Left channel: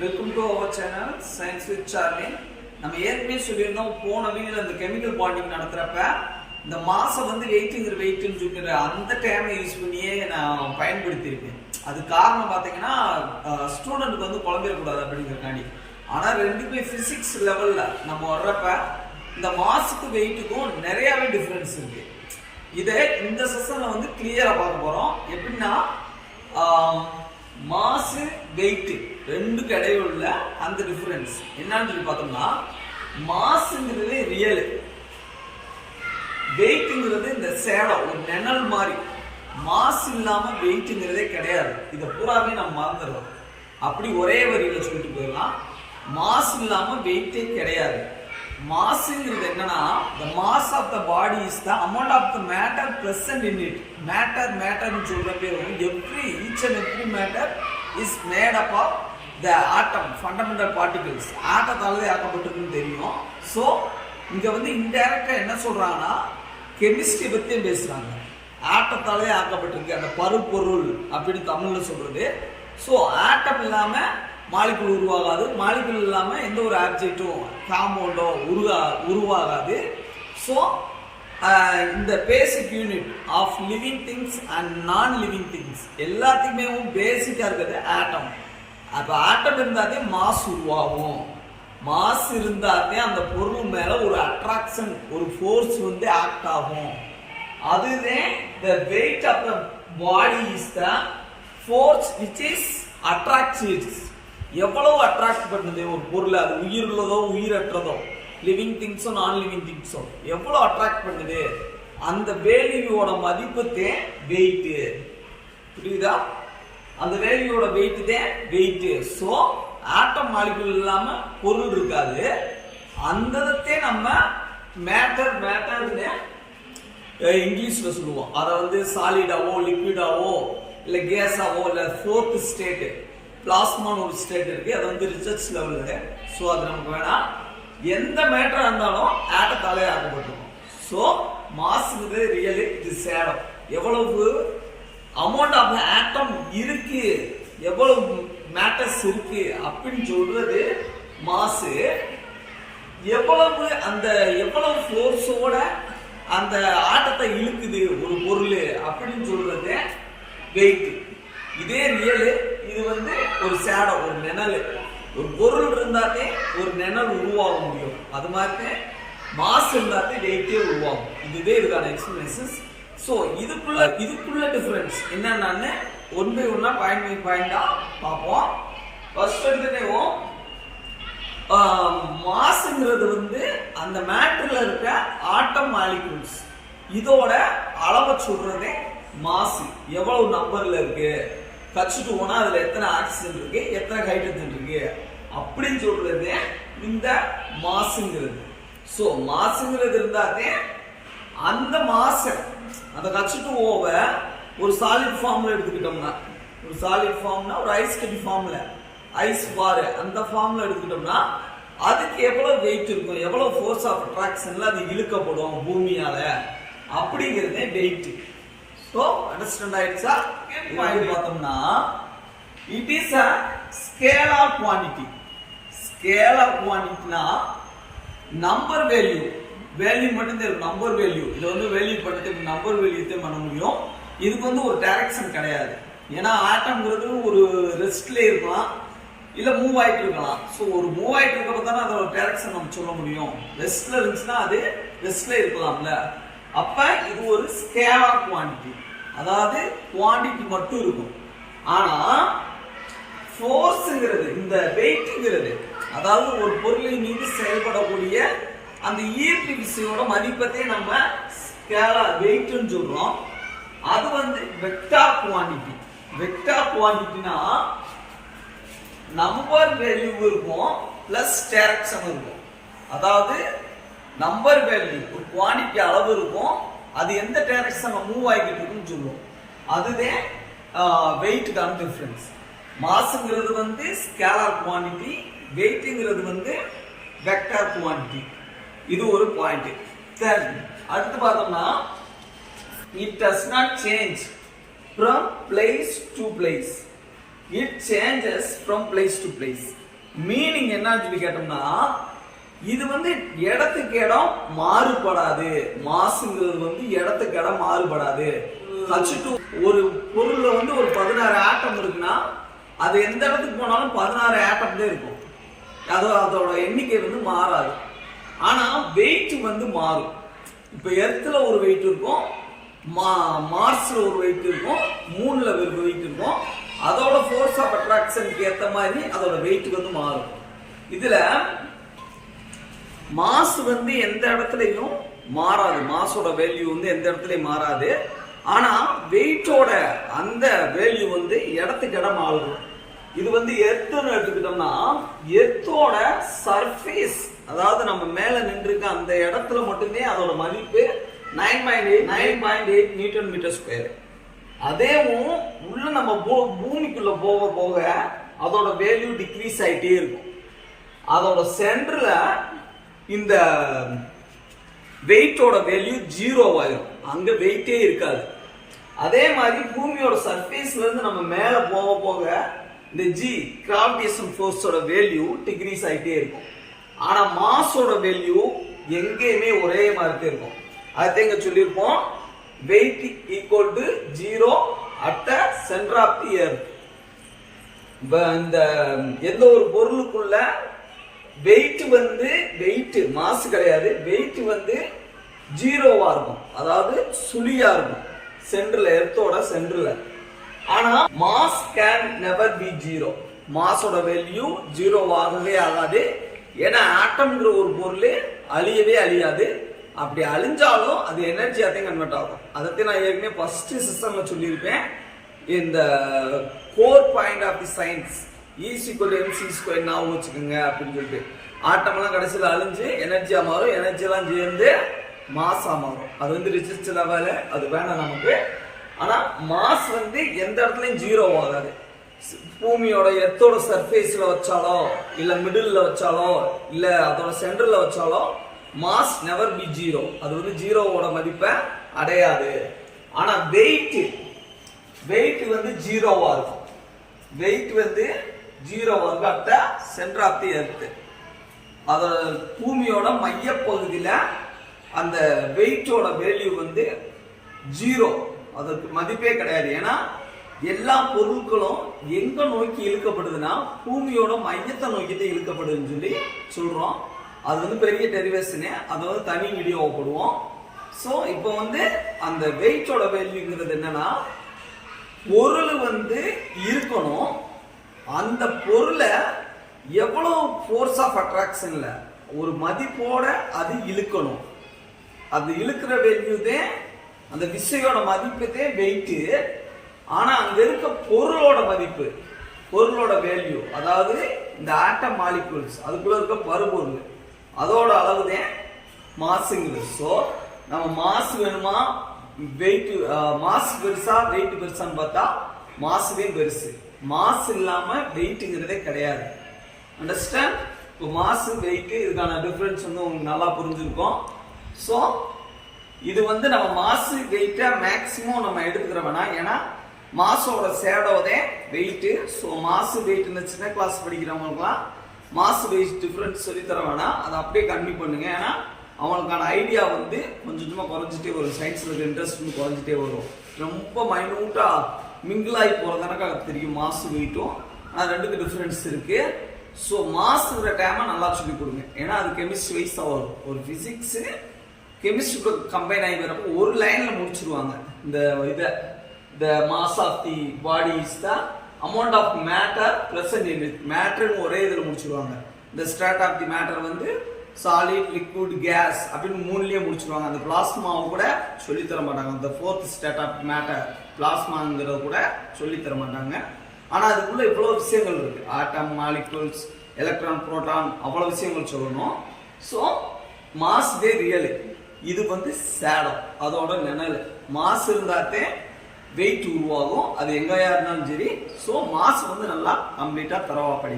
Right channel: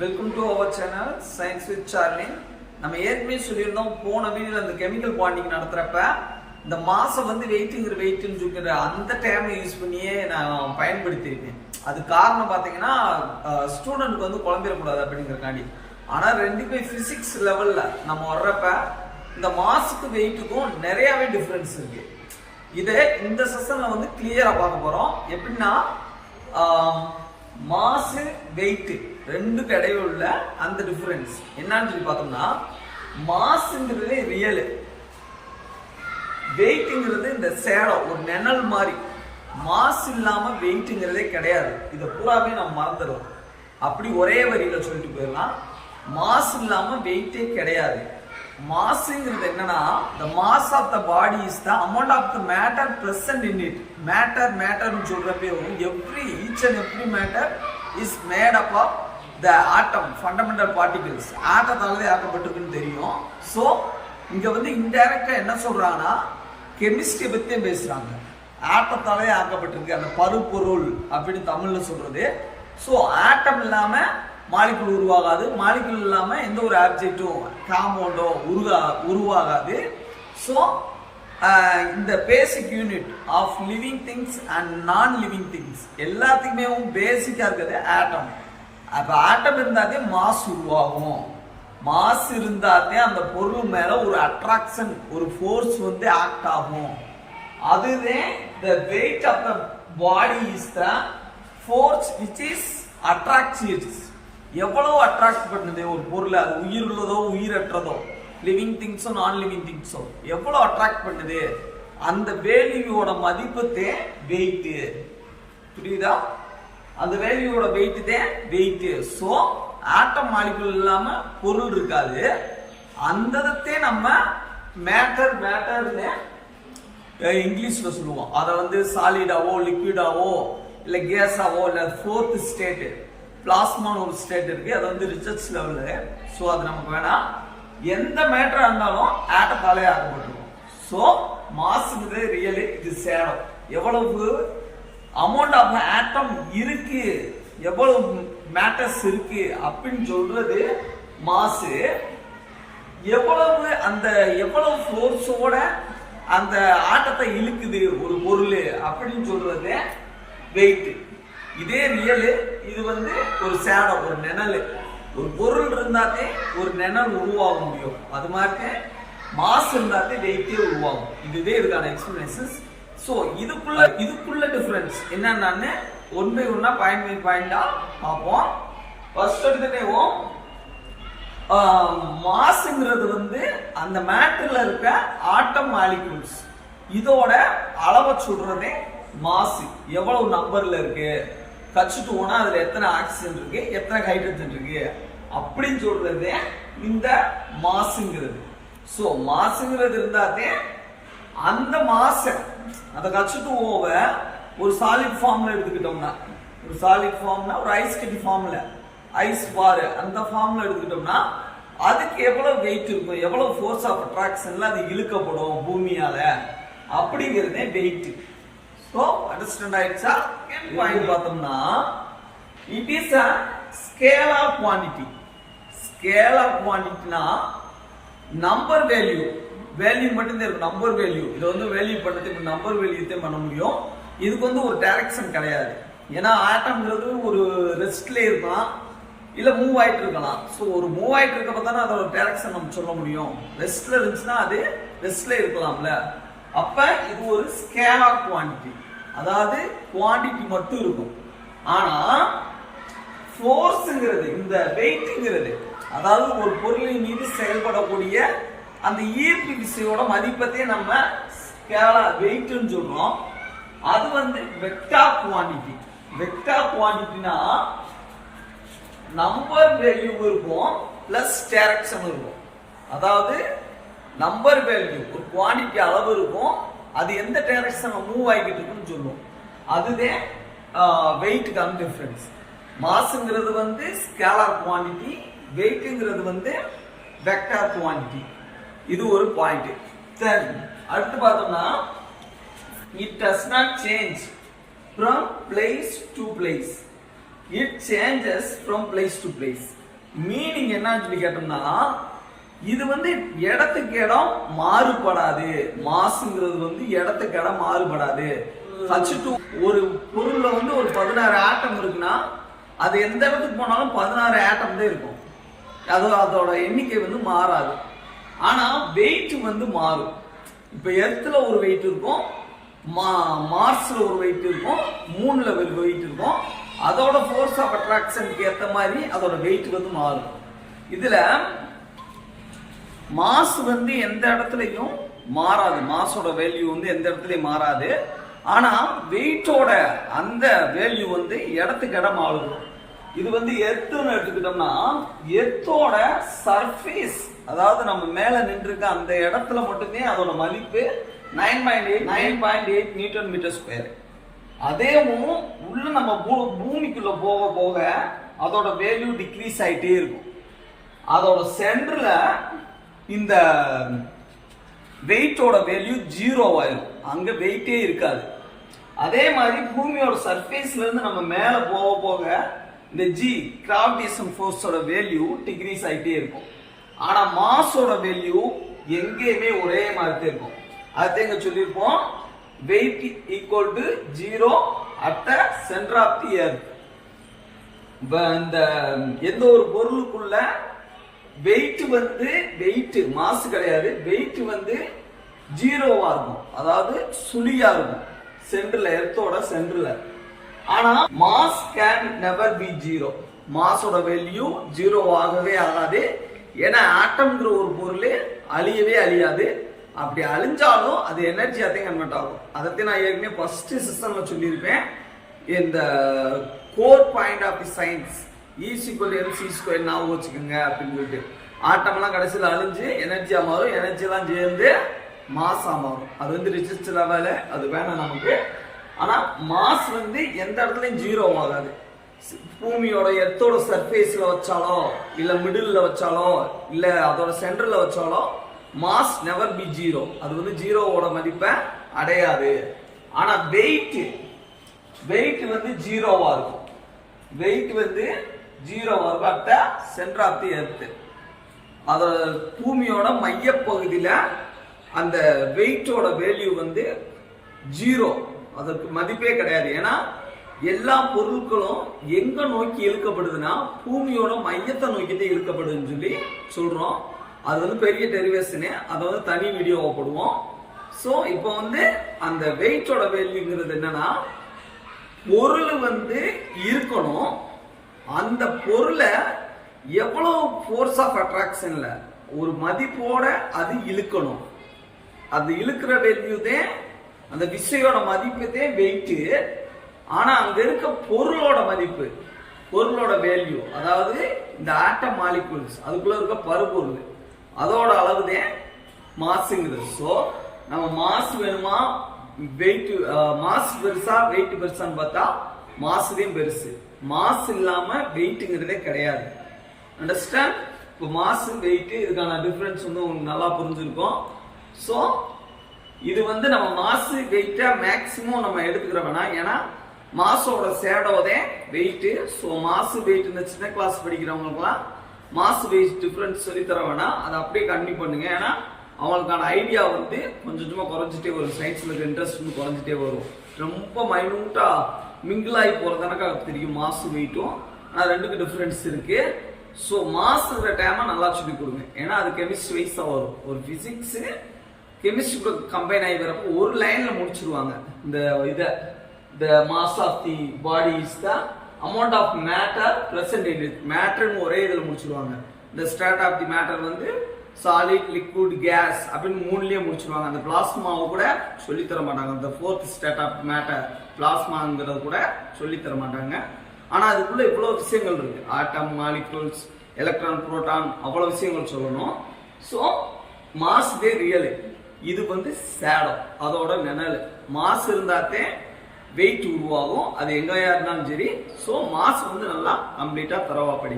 Welcome to our channel science with Charlie. நம்ம ஏற்கனவே சொல்லியிருந்தோம் போன வீடியோவில் அந்த கெமிக்கல் பாண்டிங் நடத்துகிறப்ப இந்த மாதம் வந்து வெயிட்டுன்னு சொல்லிக்கிற அந்த டைமை யூஸ் பண்ணியே நான் பயன்படுத்தியிருக்கேன். அது காரணம் பார்த்தீங்கன்னா ஸ்டூடெண்ட்டுக்கு வந்து குழம்பிடக்கூடாது அப்படிங்கிறக்காண்டி. ஆனால் ரெண்டுமே ஃபிசிக்ஸ் லெவலில் நம்ம வர்றப்ப இந்த மாசுக்கு வெயிட்டுக்கும் நிறையாவே டிஃப்ரென்ஸ் இருக்கு. இதை இந்த செஷனில் வந்து கிளியராக பார்க்க போகிறோம். எப்படின்னா மாசு வெயிட் ரெண்டுக்கு இடையே உள்ள அந்த டிஃபரன்ஸ் என்னன்னு சொல்லி பார்த்தோம்னா, மாசுங்கிறது ரியல், வெயிட்ங்கிறது இந்த சேலை ஒரு நிழல் மாதிரி. மாசு இல்லாம வெயிட்ங்கிறதே கிடையாது. இதை பூராவே நம்ம மறந்துடுறோம். அப்படி ஒரே வரியில சொல்லிட்டு போயிடலாம், மாசு இல்லாம வெயிட்டே கிடையாது. மாசுங்கிறது என்னன்னா, the mass of the body is the amount of the matter present in it. மேட்டர்னு சொல்றப்பே each and every matter is made up of the atom, fundamental particles. ஆட்டத்தாலே ஆக்கப்பட்டிருக்குன்னு தெரியும். ஸோ இங்க வந்து இன்டைரக்டா என்ன சொல்றாங்கன்னா, கெமிஸ்ட்ரி பத்தியும் பேசுறாங்க. ஆட்டத்தாலே ஆக்கப்பட்டிருக்கு அந்த பருப்பொருள் அப்படின்னு தமிழ்ல சொல்றது. ஸோ ஆட்டம் இல்லாம மாலிகுல் உருவாகாது, மாலிகுல் இல்லாம எந்த ஒரு ஆப்ஜெக்டும் காம்பவுண்டோ உருவாகாது. ஸோ இந்த basic unit of living things and non living things எல்லாத்துக்குமே பேசிக்கா இருக்கிறது ஆட்டம். அப்ப ஆட்டம் இருந்தாதே மாஸ் உருவாகும். மாஸ் இருந்தாதே அந்த பொருள் மேல ஒரு அட்ராக்ஷன், ஒரு ஃபோர்ஸ் வந்து ஆக்ட் ஆகும். அதுவே the weight of the body is the force which is attracts it. எவ்வளவு அட்ராக்ட் பண்ணுது ஒரு பொருள், அது உயிருள்ளதோ உயிரற்றதோ, லிவிங் திங்ஸோ நான் லிவிங் திங்ஸோ எவ்வளவு அட்ராக்ட் பண்ணுது, அந்த வேல்யூவோட மதிப்புத்தே வெயிட். புரியுதா? அந்த வேல்யூவோட வெயிட் தான் வெயிட். ஸோ ஆட்டம் மாலிகுல் இல்லாம பொருள் இருக்காது. அந்த நம்ம மேட்டர்னு இங்கிலீஷ்ல சொல்லுவோம். அதை வந்து சாலிடாவோ லிக்விடாவோ இல்ல கேஸாவோ இல்ல ஃபோர்த் ஸ்டேட் பிளாஸ்மான்னு ஒரு ஸ்டேட் இருக்கு. அது வந்து ரிசர்ச் லெவல்ல. ஸோ அது நமக்கு வேணாம். எந்த மேட்டரா இருந்தாலும் ஆட்டத்தாலே ஆக்கப்பட்டிருக்கும். ஸோ மாசுங்கிறது ரியலி இது சேலம். எவ்வளவு அமௌண்ட் ஆஃப் ஆட்டம் இருக்கு, எவ்வளவு மேட்டர்ஸ் இருக்கு அப்படின்னு சொல்றது மாசு. எவ்வளவு ஃபோர்ஸோட அந்த ஆட்டத்தை இழுக்குது ஒரு பொருள் அப்படின்னு சொல்றது வெயிட். இதே ரியல். இது வந்து ஒரு சேடை, ஒரு நிழல். ஒரு பொருள் இருந்தாலே ஒரு நிழல் உருவாக முடியும். அது மாதிரி மாஸ் இருந்தாலே வெயிட்டே உருவாகும். இதுவே இதுக்கான எக்ஸ்பிளனேஷன்ஸ். ஸோ இதுக்குள்ள டிஃபரன்ஸ் என்னன்னு ஒன் பை ஒன்னா பாயிண்ட் பை பாயிண்டா பார்ப்போம். ஃபர்ஸ்ட் எடுத்துட்டேவும் மாசுங்கிறது வந்து அந்த மேட்டர்ல இருக்க ஆட்டம் மாலிகூல்ஸ், இதோட அளவை சொல்றதே மாசு. எவ்வளவு நம்பர்ல இருக்கு, கச்சுட்டு போனா அதுல எத்தனை ஆக்சிஜன் இருக்கு, எத்தனை ஹைட்ரஜன் இருக்கு அப்படின்னு சொல்றது இந்த மாசுங்கிறது. சோ மாசுங்கிறது இருந்தாதே அந்த மாச அதை கச்சுட்டு போவ ஒரு சாலிட் ஃபார்ம்ல எடுத்துக்கிட்டோம்னா, ஒரு சாலிட் ஃபார்ம்னா ஒரு ஐஸ் கட்டி ஃபார்ம்ல, ஐஸ் பார் அந்த ஃபார்ம்ல எடுத்துக்கிட்டோம்னா அதுக்கு எவ்வளவு வெயிட் இருக்கும், எவ்வளவு ஃபோர்ஸ் ஆஃப் அட்ராக்ஷன்ல அது இழுக்கப்படும் பூமியால அப்படிங்கிறதே வெயிட். ஸோ அண்டர்ஸ்டாண்ட் ஆயிடுச்சா? பாயிண்ட் பார்த்தோம்னா it is a scale of quantity. Scale of குவான்டிட்டினா நம்பர் வேல்யூ மட்டும் தான் இருக்கும். நம்பர் வேல்யூ இதை வந்து வேல்யூ பண்ணதுக்கு நம்பர் வேல்யூ தான் பண்ண முடியும். இதுக்கு வந்து ஒரு டைரக்ஷன் கிடையாது. ஏன்னா ஆட்டம்ங்கிறது ஒரு ரெஸ்ட்ல இருக்கலாம், இல்ல மூவ் ஆயிட்டு இருக்கலாம். ஸோ ஒரு மூவ் ஆயிட்டு இருக்கப்ப தானே அதோட டைரக்ஷன் நம்ம சொல்ல முடியும். ரெஸ்ட்ல இருந்துச்சுன்னா அது ரெஸ்ட்ல இருக்கலாம்ல. அப்ப இது ஒரு ஸ்கேல் ஆஃப் குவான்டிட்டி, அதாவது குவான்டிட்டி மட்டும் இருக்கும். ஆனா ஃபோர்ஸ்ங்கிறது, இந்த வெயிட்ங்கிறது, அதாவது ஒரு பொருளின் மீது செயல்படக்கூடிய அந்த ஈர்ப்பு விசையோட மதிப்பத்தை நம்ம ஸ்கேலா வெயிட்னு சொல்றோம். அது வந்து வெக்டார் குவான்டிட்டி. வெக்டார் குவான்டிட்டினா நம்பர் வேல்யூ இருக்கும் பிளஸ் டைரக்ஷன் இருக்கும். அதாவது நம்பர் வேல்யூ ஒரு குவான்டிட்டி அளவு இருக்கும், அது எந்த டைரக்ஷன்ல மூவ் ஆகிட்டு இருக்குன்னு சொல்லுவோம். அதுதான் வெயிட்டுக்கான டிஃபரன்ஸ். மாசுங்கிறது வந்து ஸ்கேலார் குவான்டிட்டி, வெயிட்ங்கிறது வந்து வெக்டார் குவான்டிட்டி. இது ஒரு பாயிண்ட். தென் அடுத்து பார்த்தோம்னா it does not change from place to place. It changes from place to place. Meaning என்னன்னு சொல்லி கேட்டோம்னா இது வந்து இடத்துக்கு இடம் மாறுபடாது. மாசுங்கிறது வந்து இடத்துக்கு இடம் மாறுபடாது. H2 ஒரு பொருள்ல வந்து ஒரு 16 ஆட்டம் இருக்குன்னா அது எந்த இடத்துக்கு போனாலும் 16 ஆட்டம் தான் இருக்கும். அதோட எண்ணிக்கை வந்து மாறாது. ஆனா வெயிட் வந்து மாறும். இப்ப எர்த்ல ஒரு வெயிட் இருக்கும், மார்ஸ்ல ஒரு வெயிட் இருக்கும், மூன்ல ஒரு வெயிட் இருக்கும். அதோட ஃபோர்ஸ் ஆஃப் அட்ராக்ஷனுக்கு ஏத்த மாதிரி அதோட வெயிட் வந்து மாறும். இதுல மாஸ் வந்து எந்த இடத்துலயும் மாறாது. மாஸோட வேல்யூ வந்து எந்த இடத்துலயும் மாறாது. ஆனா வெயிட்டோட அந்த வேல்யூ வந்து இடத்துக்கு இடம் மாறும். இது வந்து எர்த்துன்னு எடுத்துக்கிட்டோம்னா எர்த்தோட சர்ஃபேஸ், அதாவது நம்ம மேல நின்றுக்க அந்த இடத்துல மட்டுமே அதோட மதிப்பு 9.8 நியூட்டன் மீட்டர் ஸ்கொயர். அதேவும் உள்ள நம்ம பூமிக்குள்ள போக போக அதோட வேல்யூ டிக்ரீஸ் ஆயிட்டே இருக்கும். அதோட சென்டர்ல இந்த வெயிட்டோட வேல்யூ 0 ஆயிரும். அங்க வெயிட்டே இருக்காது. அதே மாதிரி பூமியோட சர்ஃபேஸ்ல இருந்து நம்ம மேல போக போக இந்த G கிராவிடேஷன் ஃபோர்ஸோட வேல்யூ டிக்ரீஸ் ஆயிட்டே இருக்கும். ஆனா மாஸோட வேல்யூ எங்கேயுமே ஒரே மாதிரி இருக்கும். அதை இங்க சொல்லியிருப்போம், weight equal to 0 at the center of the earth. இந்த எந்த ஒரு பொருளுக்குள்ள வெயிட் வந்து மாஸ் கிடையாது, வெயிட் வந்து 0வா இருக்கும், அதாவது சுழியா இருக்கும் சென்டர்ல, எர்த்தோட சென்டர்ல. ஆனா மாஸ் கேன் நெவர் பி 0. மாஸோட வேல்யூ 0 ஆகவே ஆகாது. ஏன்னா ஆட்டம்ங்கிற ஒரு பொருள் அழியவே அழியாது. அப்படி அழிஞ்சாலும் அது எனர்ஜியாத்தையும் கன்வெர்ட் ஆகும். அதைத்தான் நான் ஏற்கனவே ஃபர்ஸ்ட் செஷன்ல சொல்லியிருப்பேன். இந்த core point of the science E=mc² ஞாபகம் வச்சுக்கோங்க அப்படின்னு சொல்லிட்டு. ஆட்டம் எல்லாம் கடைசியில் அழிஞ்சு எனர்ஜியா மாறும், எனர்ஜி எல்லாம் சேர்ந்து மாஸா மாறும். அது வந்து ரிசர்ச் லெவல, அது வேணாம் நமக்கு. ஆனா மாஸ் வந்து எந்த இடத்துலயும் 0 ஆகாது. பூமியோட எர்த்தோட சர்ஃபேஸ்ல வச்சாலோ இல்ல மிடில்ல வச்சாலோ இல்ல அதோட சென்டர்ல வச்சாலோ மாஸ் நெவர் பி 0. அது வந்து 0வோட மதிப்பை அடையாது. ஆனா வெயிட் வந்து 0வா இருக்கும். வெயிட் வந்து 0வா இருக்கும் at the centre of the earth. அத பூமியோட மையப்பகுதியில அந்த வெயிட்டோட வேல்யூ வந்து 0, அதற்கு மதிப்பே கிடையாது. ஏன்னா எல்லா பொருட்களும் எங்க நோக்கி இழுக்கப்படுதுன்னா பூமியோட மையத்தை நோக்கிட்டு இழுக்கப்படுதுன்னு சொல்லி சொல்றோம். அது வந்து பெரிய டெரிவேஷனு, அதை வந்து தனி வீடியோ போடுவோம். ஸோ இப்போ வந்து அந்த வெயிட்டோட வேல்யூங்கிறது என்னன்னா, பொருள் வந்து இருக்கணும், அந்த பொருளை எவ்வளவு ஃபோர்ஸ் ஆஃப் அட்ராக்ஷன்ல ஒரு மதிப்போட அது இழுக்கணும். அது இழுக்கிற வேல்யூ தான் அந்த விசையோட மதிப்பு தான் வெயிட். ஆனா அங்க இருக்க பொருளோட மதிப்பு, பொருளோட வேல்யூ, அதாவது இந்த ஆட்டம் மாலிகூல்ஸ் அதுக்குள்ள இருக்க பருப்பொருள், அதோட அளவு தான் மாசுங்கிறது. ஸோ நம்ம மாசு வேணுமா, வெயிட் மாசு பெருசா வெயிட் பெருசான்னு பார்த்தா மாசு தான் பெருசு. மாசு இல்லாம வெயிட்ங்கிறதே கிடையாது. அண்டர்ஸ்டாண்ட்? இப்போ மாசு வெயிட் இதுக்கான டிஃபரன்ஸ் வந்து உங்களுக்கு நல்லா புரிஞ்சிருக்கும். ஸோ இது வந்து நம்ம மாசு வெயிட்டை மேக்சிமம் நம்ம எடுத்துக்கிற வேணாம். ஏன்னா மாசோட சேடோதே வெயிட். ஸோ மாசு வெயிட் இந்த சின்ன கிளாஸ் படிக்கிறவங்களுக்குலாம் மாசு வெயிட் டிஃபரன்ஸ் சொல்லித்தர வேணாம், அதை அப்படியே கண்டினியூ பண்ணுங்க. ஏன்னா அவங்களுக்கான ஐடியா வந்து கொஞ்சம் கொஞ்சமாக குறைஞ்சிட்டே வரும். சயின்ஸில் இருக்க இன்ட்ரெஸ்ட் வந்து குறைஞ்சிட்டே வரும். ரொம்ப மைனூட்டா மிங்கிளாகி போகிறதுனாக்க தெரியும் மாசு வெயிட்டும். ஆனால் ரெண்டுக்கு டிஃபரன்ஸ் இருக்கு. ஸோ மாசுங்கிற டைமை நல்லா சொல்லி கொடுங்க. ஏன்னா அது கெமிஸ்ட்ரி வைஸாக வரும். ஒரு ஃபிசிக்ஸு கெமிஸ்ட்ரி கம்பைன் ஆகி வரப்போ ஒரு லைன்ல முடிச்சிருவாங்க. the mass of the body is the amount of matter present in it. மேட்டர்னு ஒரே இதில் முடிச்சிருவாங்க. இந்த ஸ்டேட் ஆஃப் தி மேட்டர் வந்து சாலிட், லிக்விட், கேஸ் அப்படின்னு 3லயே முடிச்சிருவாங்க. அந்த பிளாஸ்மாவை கூட சொல்லி தர மாட்டாங்க. அந்த 4th ஸ்டேட் ஆஃப் மேட்டர் பிளாஸ்மாங்கிறத கூட சொல்லி தர மாட்டாங்க. ஆனா அதுக்குள்ள இவ்வளவு விஷயங்கள் இருக்கு. ஆட்டம், மாலிகூல்ஸ், எலக்ட்ரான், புரோட்டான், அவ்வளவு விஷயங்கள் சொல்லணும். ஸோ மாஸ் தே ரியல். இது வந்து சேடம், அதோட நிழல். மாஸ் இருந்தாத்தே வெயிட் உருவாகும். அது எங்கயா இருந்தாலும் சரி. ஸோ மாஸ் வந்து நல்லா கம்ப்ளீட்டா தரவா படிங்க.